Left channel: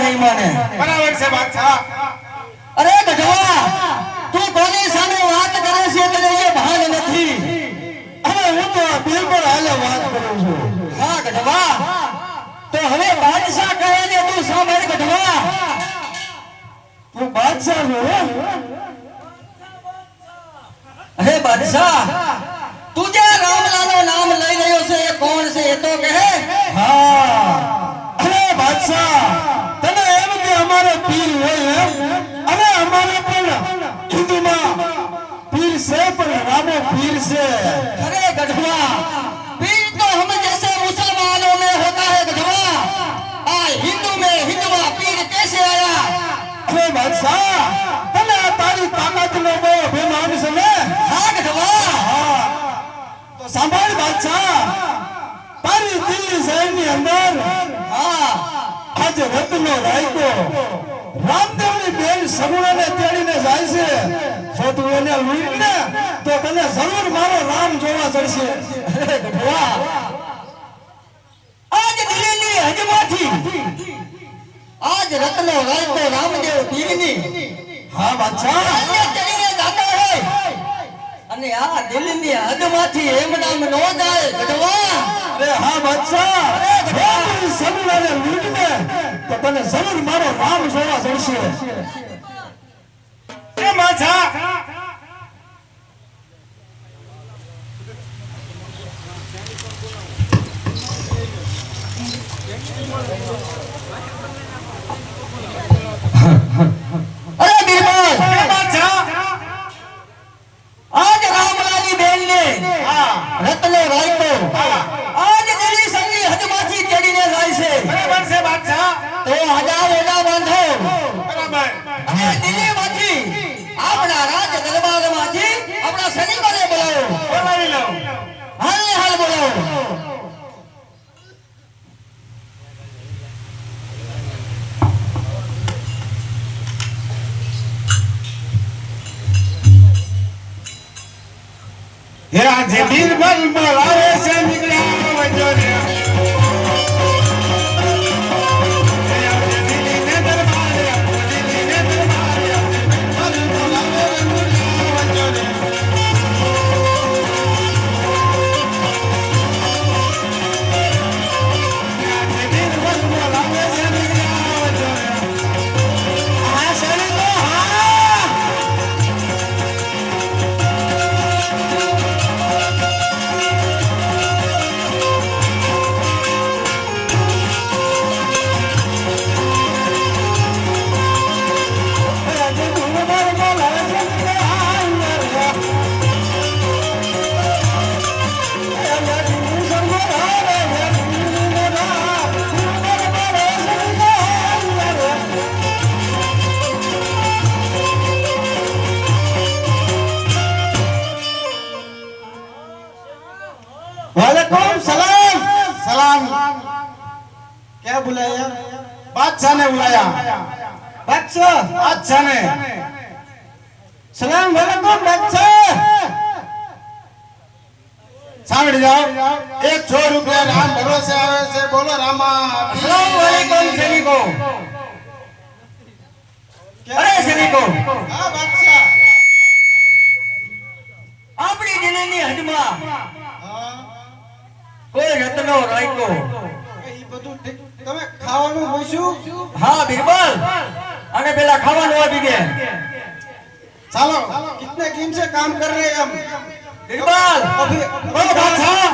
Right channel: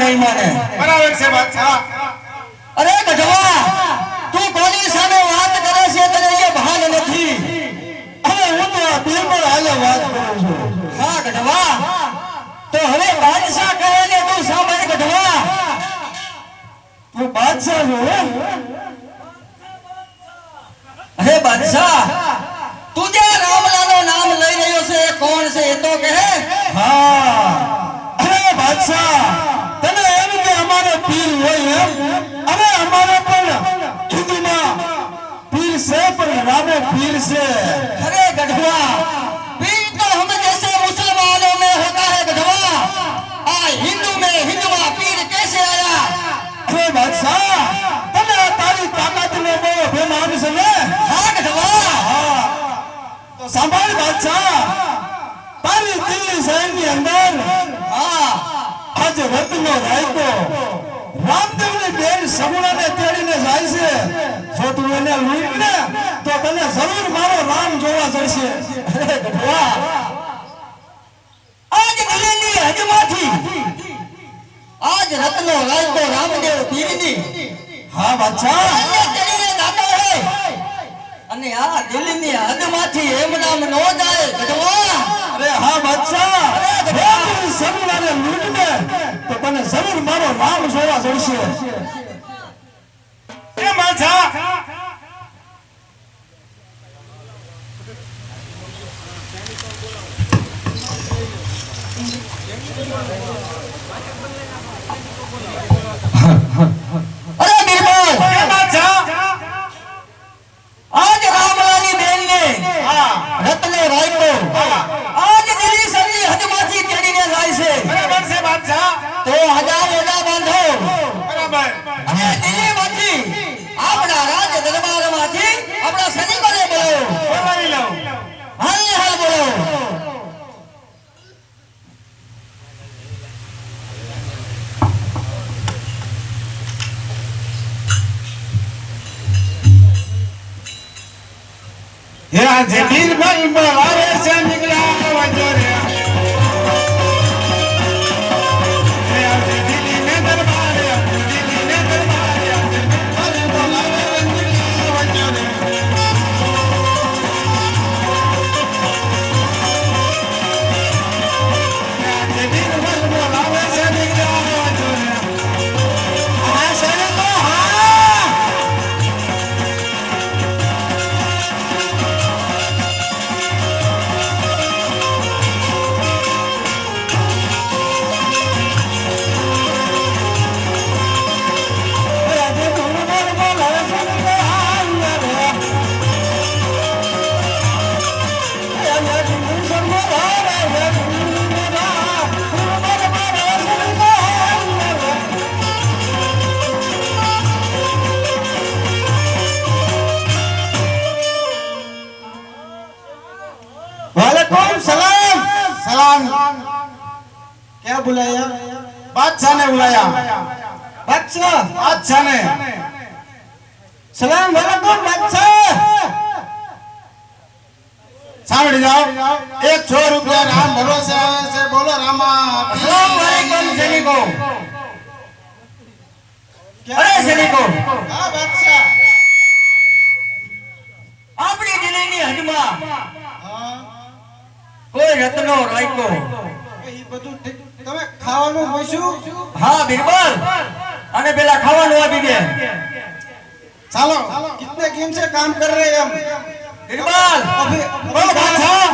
નહીં માને બરાબર છે બાદશાહ અરે ગઢવા તું કોની સામે વાત કરે છે તને એ ભાન નથી હવે હું તો આ બિલકુલ હાલે વાત કરું છું હા ગઢવા તો હવે બાદશાહ કહે ને તું સાંભળ ગઢવા તું બાદશાહ છો હે બાદશાહ તું જે રામલાનું નામ લઈ રહ્યો છે એ કોણ છે એ તો કહે હા અરે બાદશાહ તને એમ કે અમારે પીર હોય એમ અરે અમારે પણ ખીદીમાં પીર છે પણ રામો પીર છે અરે ગઢવા पीर तो हम जैसे मुसलमानों में होता है गधवा हिंदू में हिंदुआ पीर कैसे आया अरे बादशाह तने तारी ताकत नो वो बेमान से ने हां गधवा तो सांभळ बादशाह तारी दिल्ली शहर ની અંદર आज રત્નો રાયકો રામદેવ ની બેન સગુણાને તેડીને જાય છે જો તું એને લૂંટ ને તો તને જરૂર મારો રામ જોવા જશે અરે ગઢવા આજ દિલ્હીની હજમાથી આજ રત્નો રાયકો રામદેવ પીરની હા બાદશાહ તેડીને જાતો હોય અને આ દિલ્હીની હદમાંથી એમ નામ ન જાય ગઢવા અરે હા બાદશાહ અરે સગુણાને લૂંટ ને તો તને જરૂર મારો રામ જોવા જશે એ બાદશાહ અરે બિરબલ એ બાદશાહ આજ રામલાની બેન ને રત્નો રાયકો આજ દિલ્હી સરની હદમાંથી ચડીને જાય છે બરાબર છે બાદશાહ તો હજાર ઓડા બાંધો બરાબર અને દિલ્હીમાંથી આપણા રાજ દરબારમાંથી આપણા સૈનિકોને બોલાવો બોલાવી લઉં હાલ ને હાલ બોલાવો હે આજે બિરબલ બોલાવે છે નીકળ્યા વજો રે હે આજે દિલ્હી ને દરબારે દિલ્હી ને દરબારે બિરબલ બોલાવે છે નીકળ્યા વજો રે હે આજે બિરબલ બોલાવે છે નીકળ્યા વજો રે આ સૈનિકો હા वालेकुम सलाम सलाम क्या बुलाया बादशाह ने बुलाया બાદશાહ बादशाह ने સલામ વાલેકુમ બાદશાહ સાંભળી જાઓ 100 રૂપિયા રામ ભરોસે આવે છે બોલો રામા अस्सलाम वालेकुम सैनिको अरे सैनिको હા બાદશાહ આપણી દિલ્હીની હદમાં હા કોઈ રત્નો રાયકો એ બધું તમે ખાવાનું મળશું હા બિરબલ અને પેલા ખાવાનું આપી દે चलो कितने दिन से काम कर रहे हैं हम बिरबल अभी ओ बादशाह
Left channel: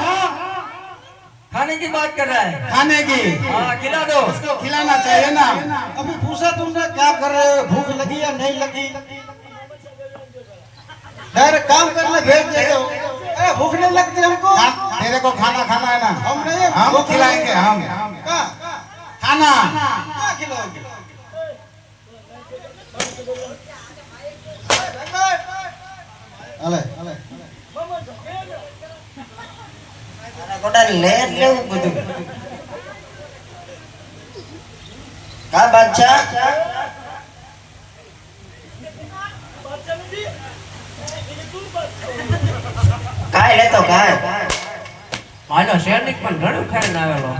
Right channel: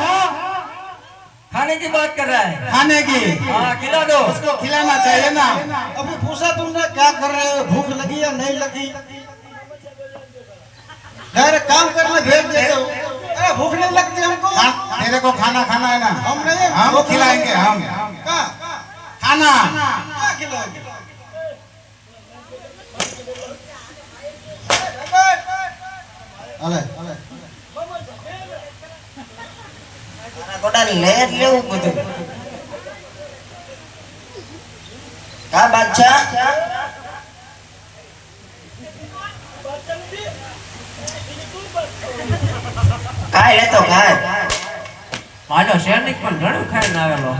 खाने की बात कर रहा है खाने की हाँ खिला दो उसको खिलाना चाहिए ना अभी पूछा तुमने क्या कर रहे हो भूख लगी या नहीं लगी डायरेक्ट काम करने भेज देते हो अरे भूख नहीं लगती हमको तेरे को खाना खाना है ना हम नहीं हम खिलाएंगे हम खाना क्या खिलाओगे अले गोटा लेट लेव બધું કા બાદશાહ કાય લેતો કાય માનો સૈનિક પણ ઘણું ખાઈને આવેલો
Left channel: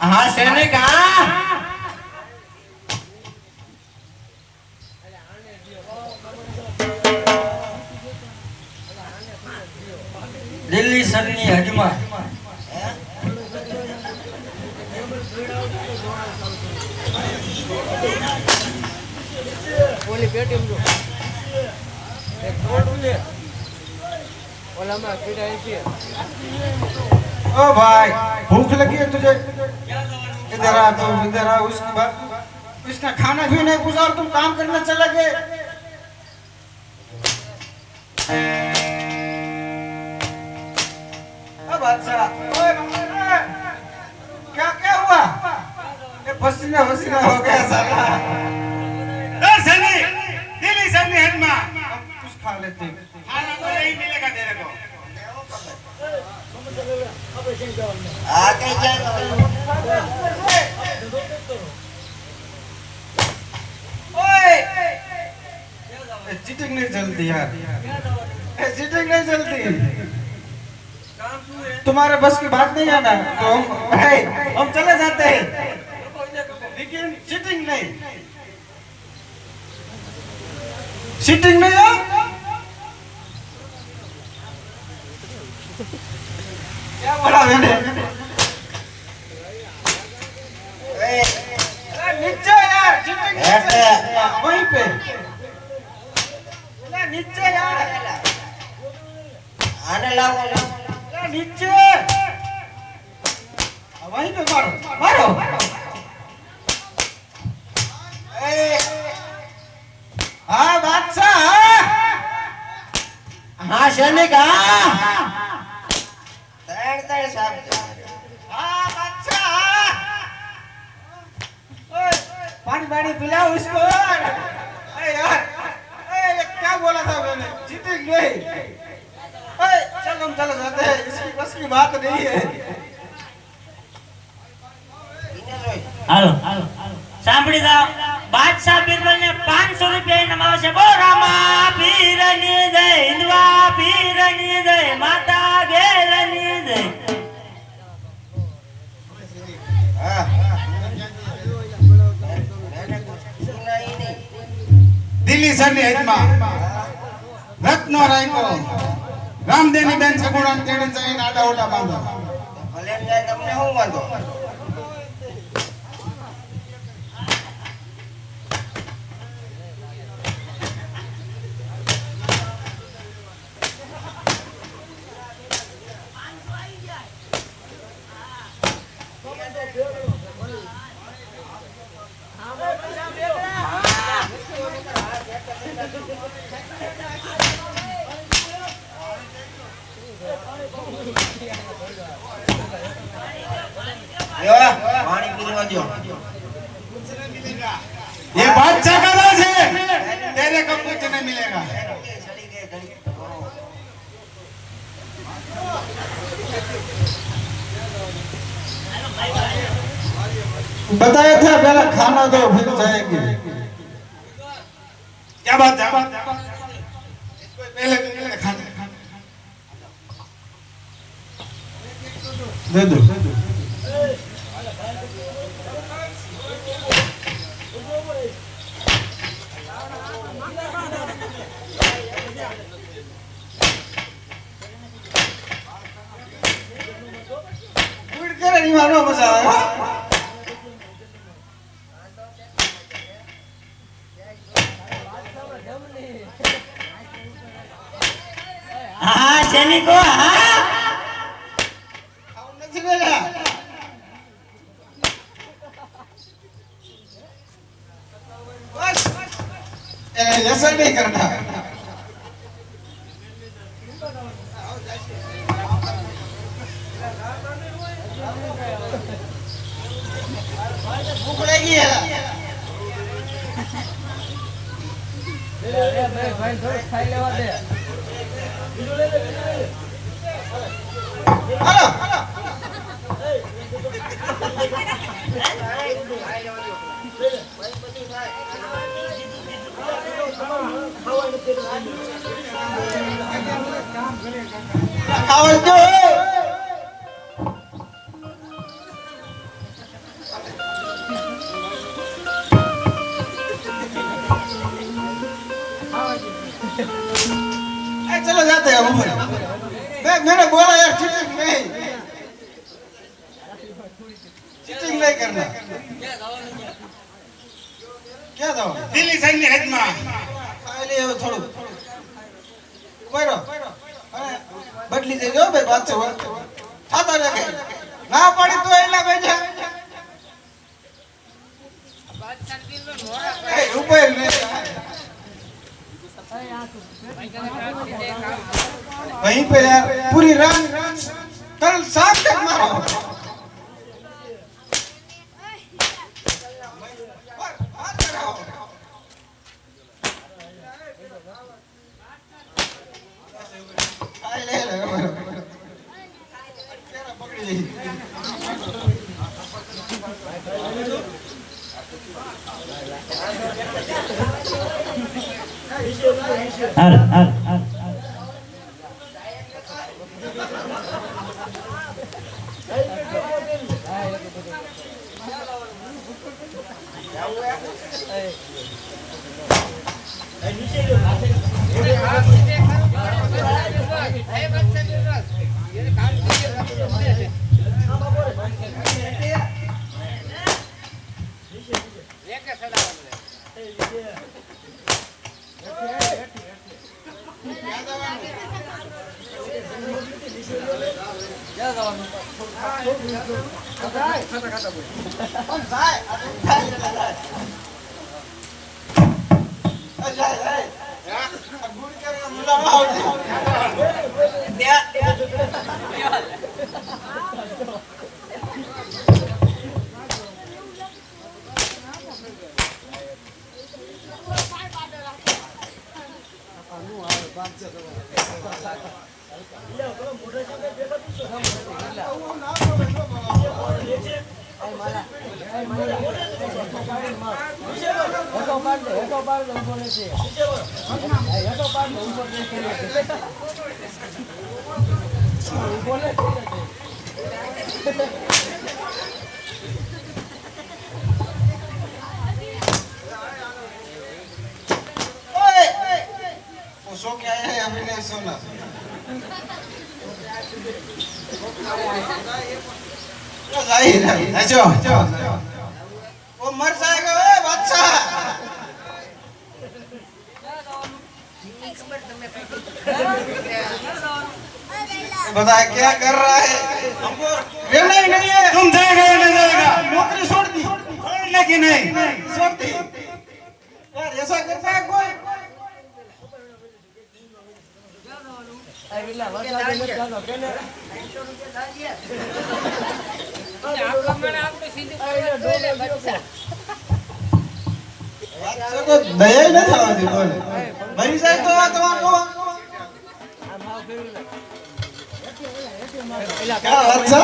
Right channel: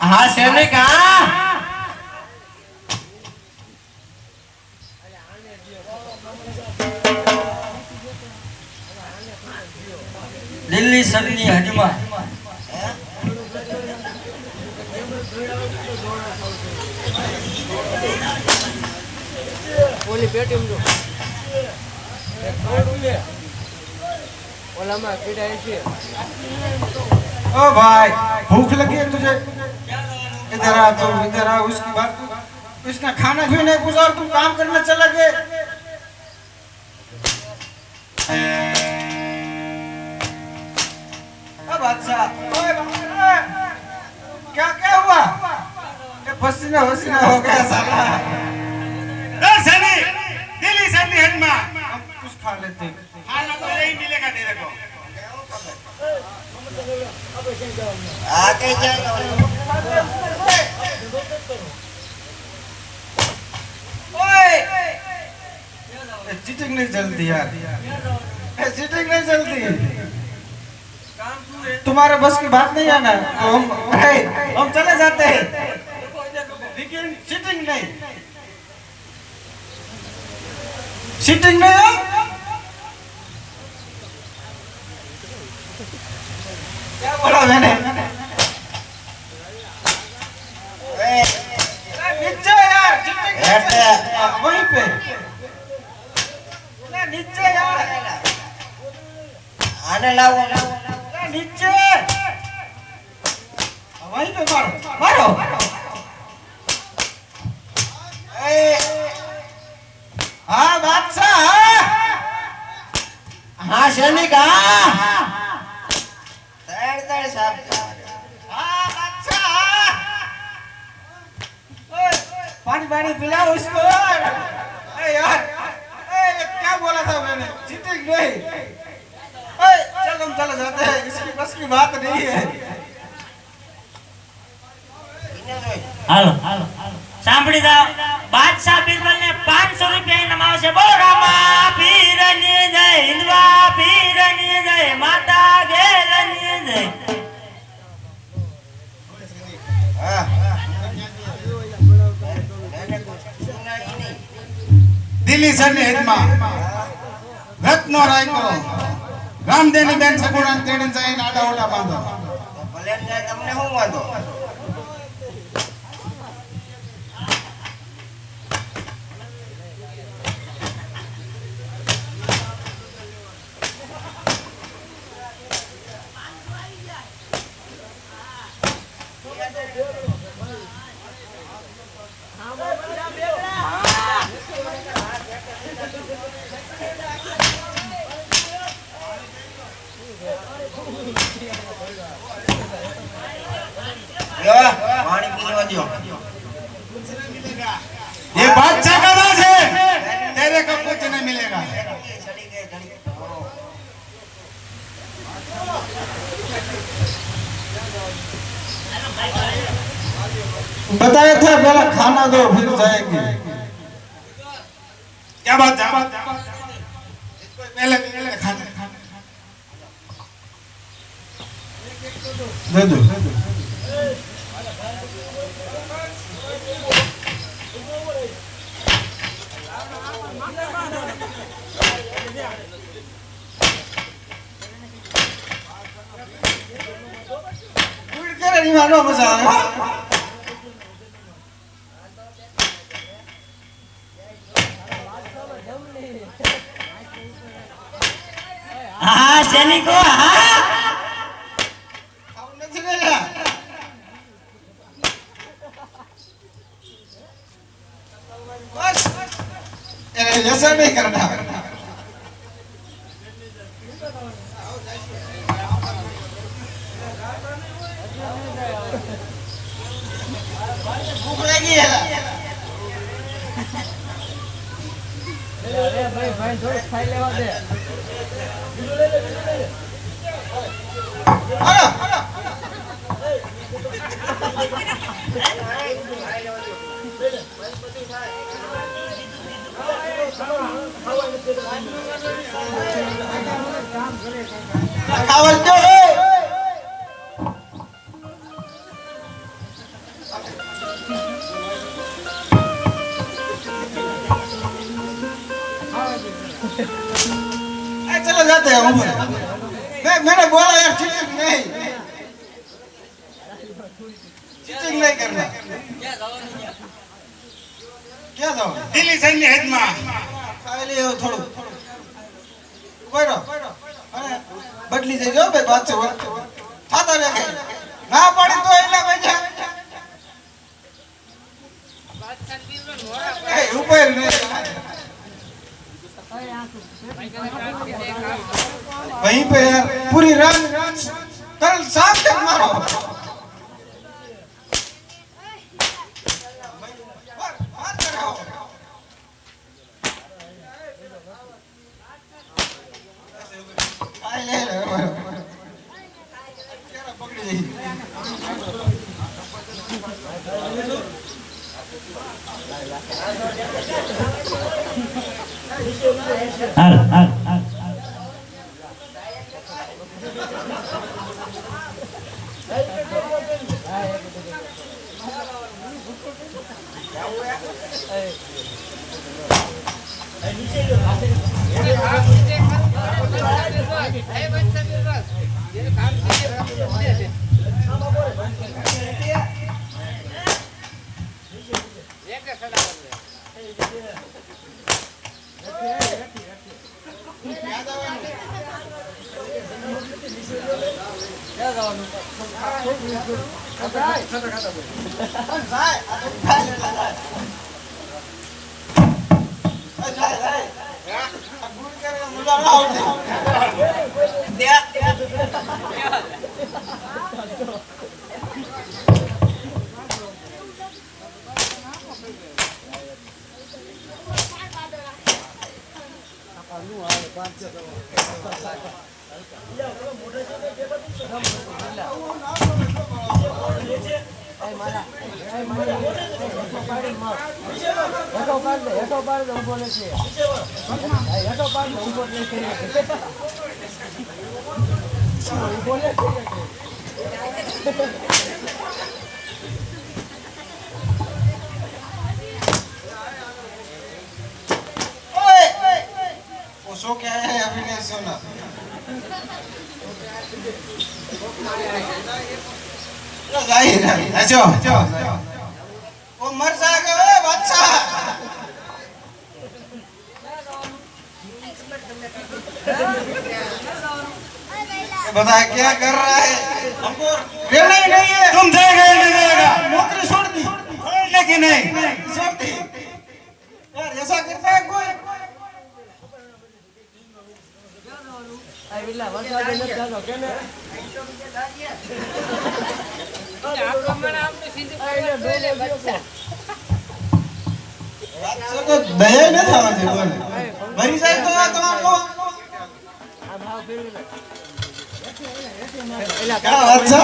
હા સૈનિક હા દિલ્હી સરની હજમાં ઓલી પેટી જો એક થોડું લે ઓલામાં કીડા છે ओ भाई भूख लगी है तुझे इधर आ तू इधर आ उसकी बात उसका खाना भी नहीं पूछा और तुम काम करने चले गए अब अच्छा ओए क्या क्या हुआ ये पसीना पसीना हो गया साला सनी दिल्ली सनी हजमा कुछ खा लेते खाना तो यही मिलेगा तेरे को आगे जाएगा ओए चीटिंग नहीं चलती यार चीटिंग नहीं चलती तुम्हारे बस की बात नहीं है ना तो हम चले जाते हैं लेकिन चीटिंग नहीं चीटिंग नहीं है क्या बोला मैंने नीचे यार वहीं पे नीचे यार आने लाओ नीचे वहीं पे मारो मारो हाँ बादशाह हाँ सैनिक हाँ पानी पानी पिलाओ उसको यार क्या बोला था मैंने चीटिंग नहीं चल हम चले जाते हैं इसकी बस की बात नहीं है હાલો સાંભળી જાઓ બાદશાહ બિરબલને 500 રૂપિયા ઇનામ આવશે બોરામા પીરની જય હિન્દવા પીરની જય માતા ગેરની જય દિલ્હી સરની હજમાં રત્નો રાયકો રામદેની બેન સગુણા તેડી જઈને આડા ઓડા બાંધો ભલે તમને શું વાંધો पानी पीने दो ये बादशाह का राज है तेरे को कुछ नहीं मिलेगा बताया था पहले खाना दो फिर जाएंगे क्या बात है इसको पहले खाना दे दो नहीं मारो मजा आया હા સૈનિકો હા નથી મેલા बस ऐसा नहीं करना भूख लगी है અરે ભાઈ ભાઈ થોડું ખાઈ લેવા દે ખાવા દો चलो जाते हैं उमर मैंने बोला यार चीटिंग नहीं करना क्या दो દિલ્હી સૈન્ય હેદમાં ખાઈ લે થોડું કોઈરો અને બદલી જઈ જો બે વાત છે થાતા રે કે ના પડી તો એલા બેજા એ ઉપર ને वहीं पे यार पूरी रात कल शाम तक मारो सो क्या है अभी नहीं सुना जो वो मर जाएगा बादशाह बता क्या कर रहा है नहीं नहीं है तुम जाएगा या नहीं जाएगा नौकरी छोड़ दी छोड़ने की नहीं छोड़ दी यार ऐसा करता है कोई દયા ન થવા દે બોલ મરી જાય તો તમારો क्या अच्छा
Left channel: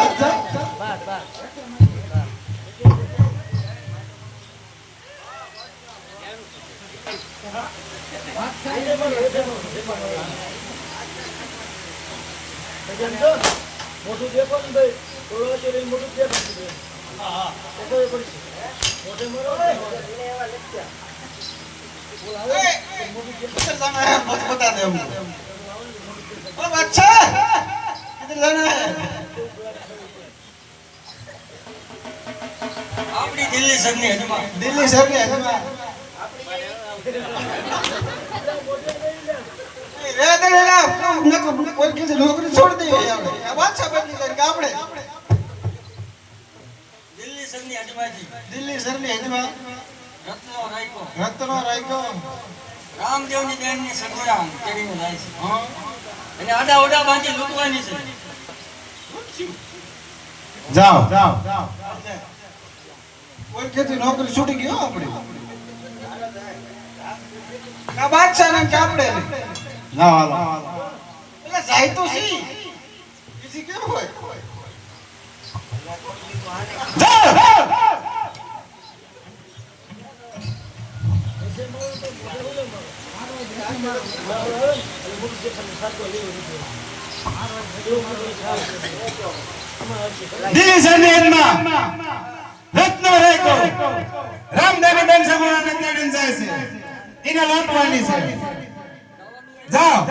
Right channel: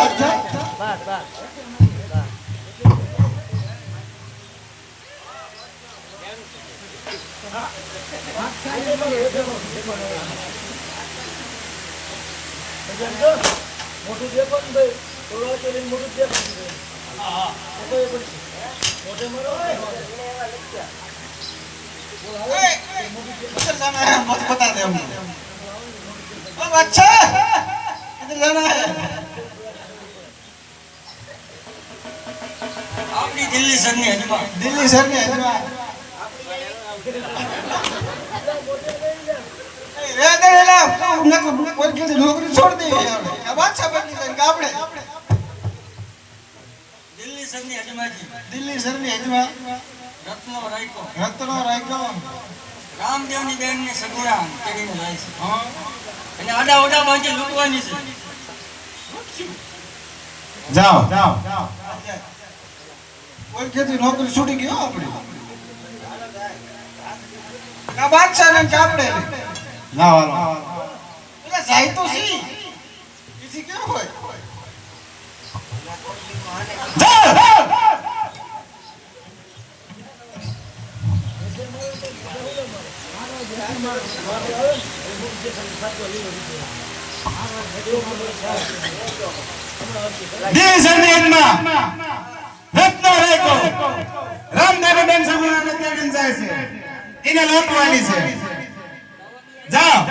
मत बता दे अब अच्छा किधर जाना है આપણી દિલ્હી સરની હજમાં दिल्ली सर में है नौकरी छोड़ दी अब अच्छा बदली जाए આપણે દિલ્હી સરની હજમાજી દિલ્હી સર ની હજમાં રત્નો રાખ્યો રત્નો રાખ્યો રામદેવની બેનની સગુડા તેડીને જાય છે અને આડા ઓડા બાંધી લૂંટવાની છે જાઓ કોઈ કેતી નોકરી છૂટી ગયો આપણે કા બાદશાહ ને કાપડે જાઓ હાલો એટલે જાય તો સી એથી કેવું હોય જાઓ દેશ અને એનમાં રત્ન રાખ્યો રામદેવી બેન સગુણાને તેડીને જાય છે એને લોટવાની છે જાઓ